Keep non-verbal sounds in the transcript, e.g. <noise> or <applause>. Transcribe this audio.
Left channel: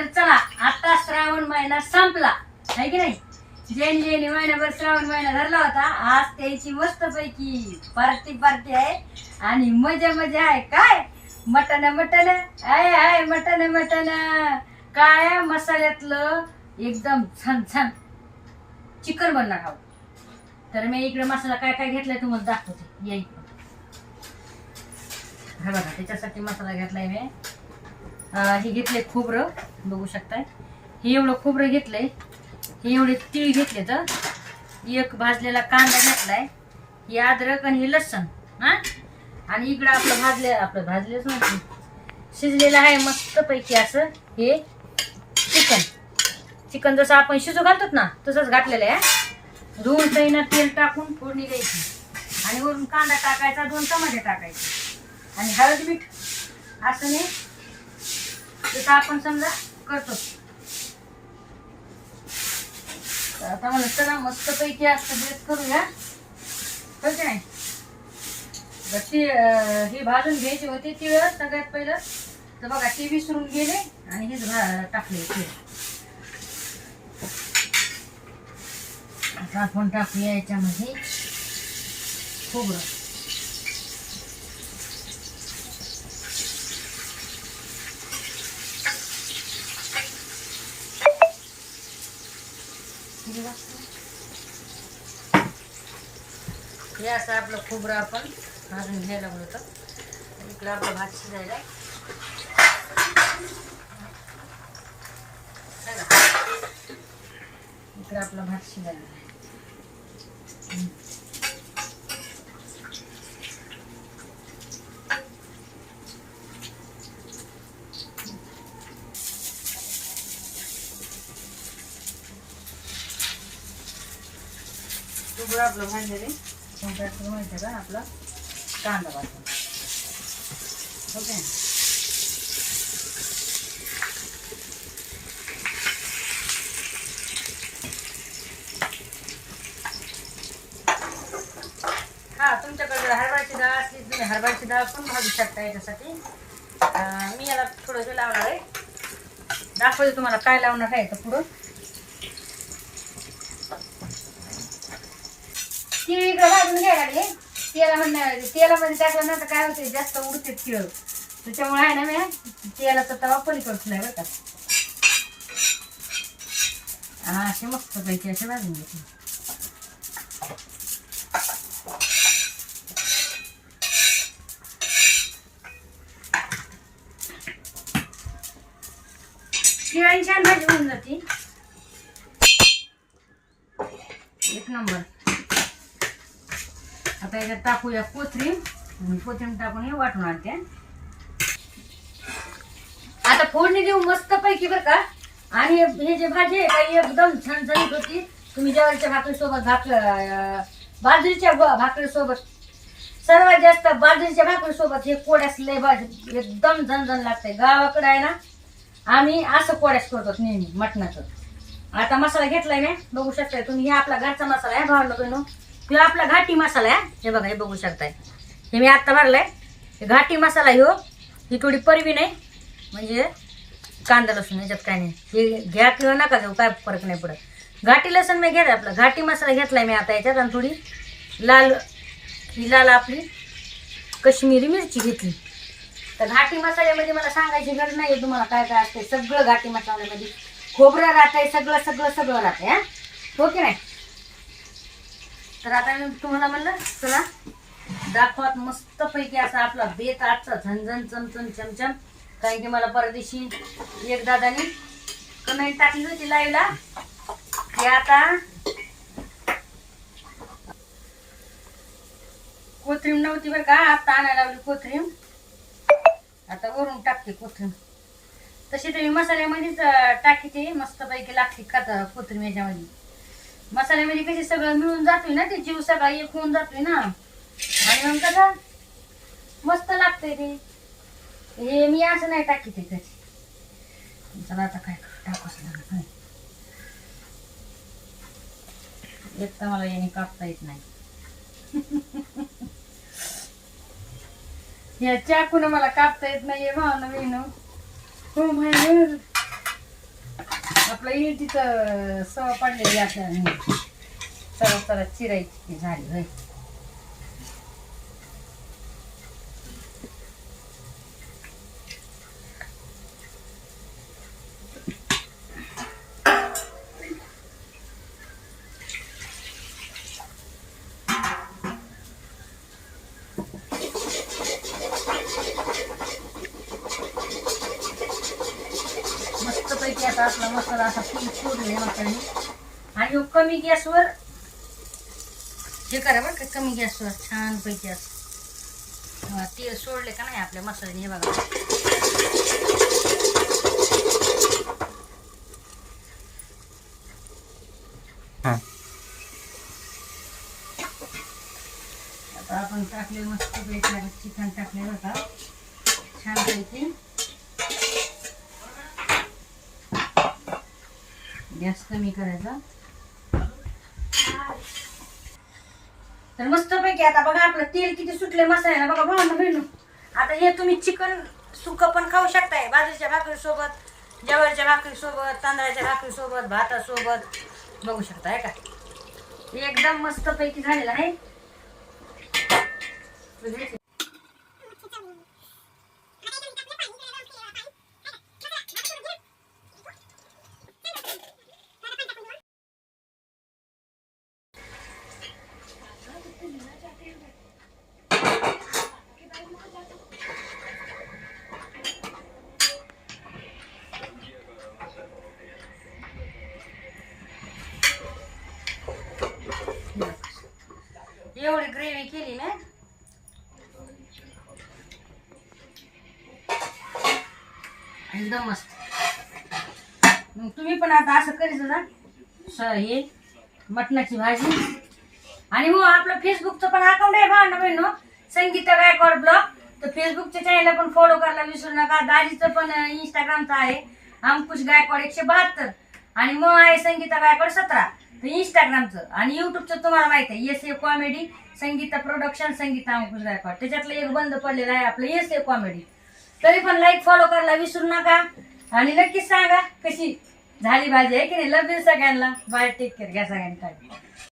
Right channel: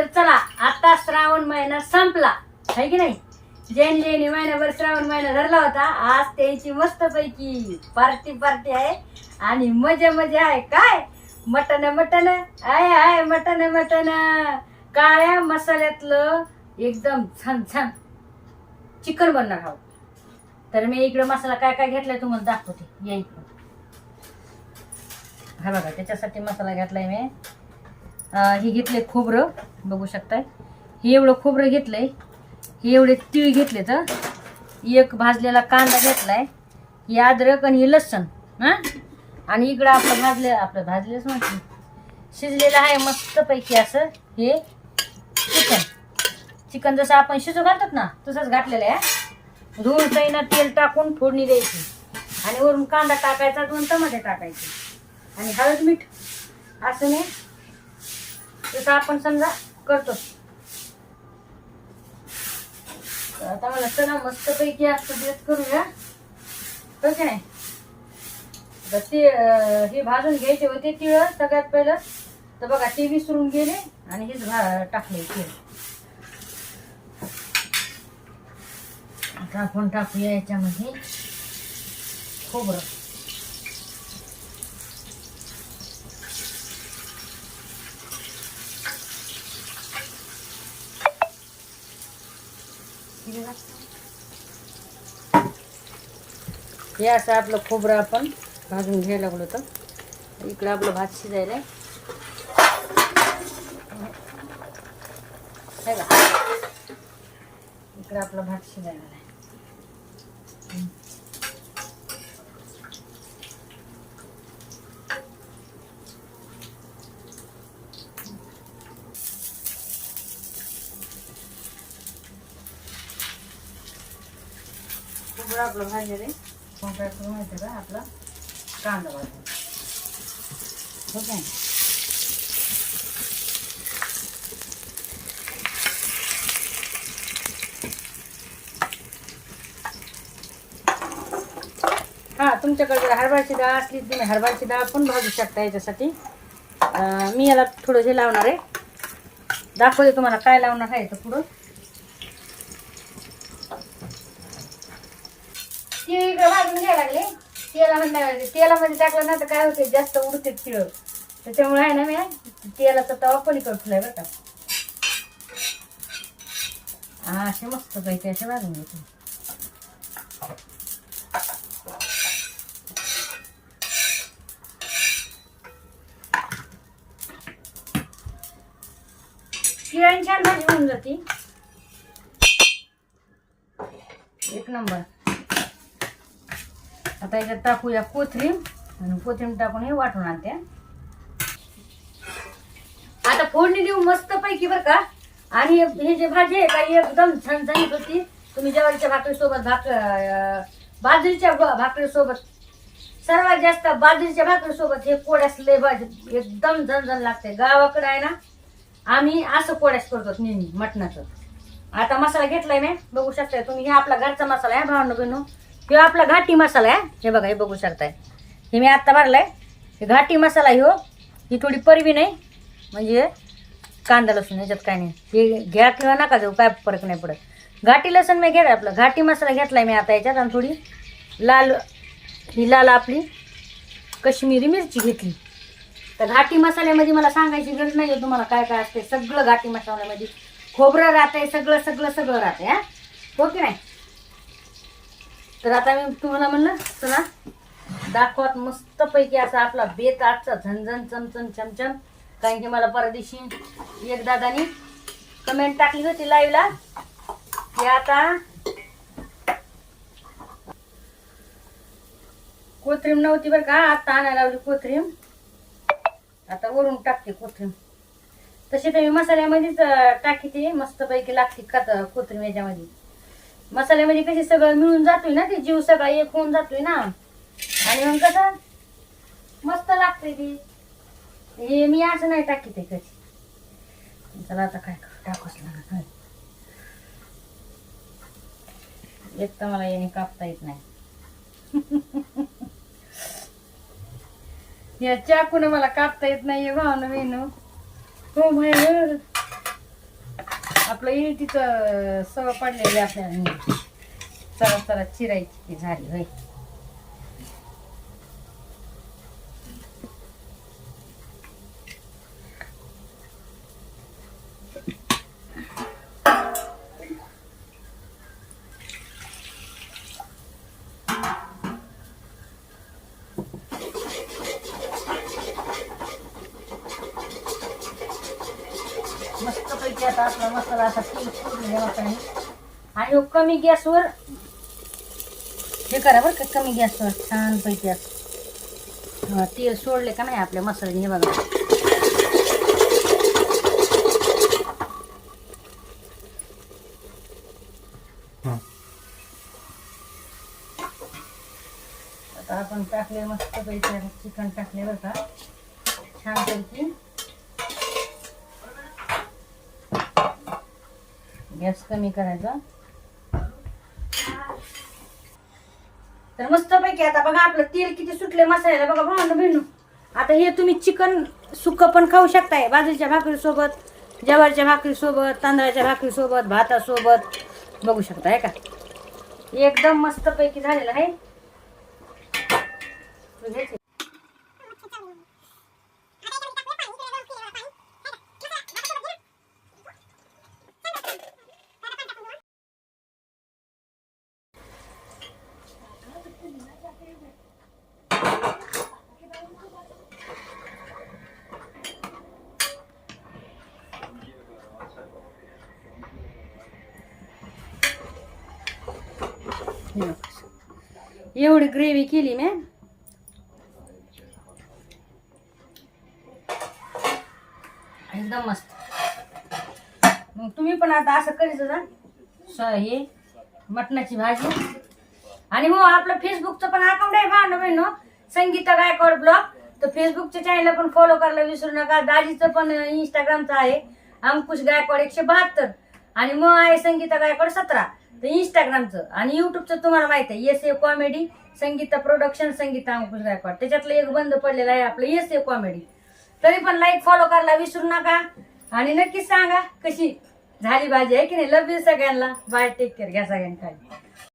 तर चला आता श्रावण महिना संपला. है की नाही? जैन जैनी महिनाभर श्रावण महिना धरला होता. आज त्यांची मस्त पैकी पार्टी पार्टी आहे आणि मजा मजा आहे. काय? मटन मटन आहे आहे मटन मटन काळ्या मसाल्यातलं एकदम छान छान चिकन बनणार खाऊ. तर मी इकडे मसाला काय काय घेतलाय तुम्हाला दाखवते. या इकडे. हा बघा त्याच्यासाठी मसाला घेतलाय मी. हे घेतले खोबरं. बघू शकताय. हे एवढं खोबरं घेतलंय. हे एवढे तीळ घेतले तर एक भाजलेला कांदा घेतलाय. ही अद्रक आणि हे लसण हा. आणि इकडं आपलं भाजले आपलं भाजलेच म्हणते शिजलेलं आहे मस्तपैकी असं हे चिकन. चिकन जसं आपण शिजू घालतात ना तसंच घातलेलं आहे धुवून सईनं तेल टाकून फोडणी द्यायची. आणि वरून कांदा टाकायचा दोन टमाटे टाकायचे. आणि हळद मीठ असं नाही. जसं आपण समजा करतो. आता मला चला मस्तपैकी आज बेस करूया तर काय तर ते भाजून घ्यायचे होते तिळ सगळ्यात पहिलं. तर बघा ते विसरून गेले आणि हीच भा टाकले तिळ आता आपण टाकूया याच्यामध्ये खोबरं. हे असं आपलं खोबरं आपण भाजून घ्यायला लागलो तर इकडं आपलं भात शिजायला आहे. का? इकडं आपला भात शिजायला आहे. खोबरं आपलं भाजले खोबऱ्याचं माहिती आहे का आपला? कांदा भाजून ठीक आहे? हां तुमच्याकडे जर हरभऱ्याची डाळ असली तुम्ही हरभऱ्याची डाळ पण भाजू शकता याच्यासाठी. मी याला थोडं हे लावणार आहे. दाखवते तुम्हाला काय लावणार आहे तर पुढं. तिळ इकडे भाजून घ्यायला लागले. तेला म्हणणार तेलामध्ये टाकलं ना तर काय होते जास्त उडते तिळ त्याच्यामुळे आहे ना मी तेलाचा तवा पलीकडे ठेवलाय बरं का. हा असे मस्त पैकी असे भाजून घेते तिळांची छान भाजी होऊन जाते. एक नंबर. आता याच्यात टाकूया कोथिंबीर आणि कोथिंबीर टाकून हे वाटून आणते. आता फोडणी देऊ मस्त पैकी बरं का. आणि हे जे भाजी आहे काही एकदम छणछणीत होती. तुम्ही ज्वारीच्या भाकरी सोबत भाकर बाजरीच्या भाकरी सोबत सर्वात जास्त बाजरीच्या भाकरी सोबत हे कोड्यास लय भाजी एकदम झणझण लागते गावाकडे आहे ना आम्ही असं कोड्यास करतो नेहमी मटणाचं. आता मसाला घेतलाय ना बघू शकताय तुम्ही. हे आपला घरचा मसाला आहे भावना बहिणू. किंवा आपला घाटी मसाला आहे. हे बघा हे बघू शकताय. हे मी आत्ता भरलाय. हे घाटी मसाला ह्यो हो. ही. थोडी परवी नाही. म्हणजे कांदा लसूण ह्याच्यात काय नाही. हे घ्या किंवा नका घेऊ काय फरक नाही पडत. घाटी लसूण मी घेत आपला. घाटी मसाला घेतलाय मी आता याच्यात आणि थोडी लाल ही लाल आपली कश्मीरी मिरची घेतली. तर घाटी मसाल्यामध्ये मला सांगायची गरज नाही आहे तुम्हाला काय काय असते सगळं घाटी मसाल्यामध्ये खोबरं राहत आहे सगळं सगळं सगळं राहते आहे हो की नाही? तर आता मी तुम्हाला म्हणलं तुला दाखवत मस्तपैकी असा आपला बेत आजचा झणझण चमचम चमचम. कारण की मला परदेशी एक दादानी कमेंट टाकली होती लाईव्हला की आता कोथरीम नव्हती बरं का आता आणायला लावली कोथरीम. आता वरून टाकते कोथरीम. तशी तर मी मसाल्यामध्येच टाकी ते मस्तपैकी लागते का कोथरीम याच्यामध्ये? मसाल्यामध्ये म्हणजे कशी सगळं मिळून जातोय ना ते जीव सगळा एक होऊन जातोय ना. आणि मग कसं मस्त लागते ते. हे मी असं नाही टाकी ते त्याची चला आता काय टाकूच नाही एक तर मला याने कापता येत नाही. <laughs> या चाकून मला कापता येत नाहीये भावना बहिण हो भाई आपलं येईल तिथं सवा पडलेली आता चला चला चिरायची ती झाली होय. आता आपला मसाला असा सोडले वाटाणे आणि हो कमी गॅसवर हे करा बरं का कमी गॅसवर छानपैकी असं. तेल सोडले का नाही आपल्या मसाल्याने हे बघा. आता आपण टाकले मस्तपैकी चिकन टाकले बरं का? छानपैकी. गॅस कमी करायचा. तर मस्तपैकी आता बघा आपलं तेल किती सुटले मसाल्याला बघा भावना बहिणू. आता हे तुम्ही चिकन सुक पण खाऊ शकताय बाजरीच्या भाकरीसोबत जवारीच्या भाकरीसोबत तांदळाच्या भाकरीसोबत भातासोबत. बघू शकताय का? एकदम मस्तपैकी झालेलं आहे. एवढी ग्रेव्ही केली मी एकदम मस्त. मग तुम्ही पण आता असं करीत ना स- हे मटणाची भाजी. आणि हो आपलं फेसबुकचं पण अकाउंट आहे भावना बहिण संगीता गायकवाड ब्लॉग तर फेसबुकच्या चॅनलला पण फॉलो करायला विसरू नका. दाजीचं पण इंस्टाग्रामचं आहे. अंकुश गायकवाड एकशे बहात्तर. आणि मग आहे संगीता गायकवाड सतरा. तर इंस्टाग्रामचं आणि युट्यूबचं तुम्हाला माहीत आहे S A comedy Sangeeta production Sangeeta Ankush Gaikwad. त्याच्यातलं एक बंद पडलेलं आहे आपलं एस ए कॉमेडी तरी पण लाईक फॉलो करायला विसरू नका. आणि नक्कीच सांगा कशी झाली भाजी आहे की नाही? लव यू सगळ्यांना. बाय टेक केअर घ्या सगळ्यांनी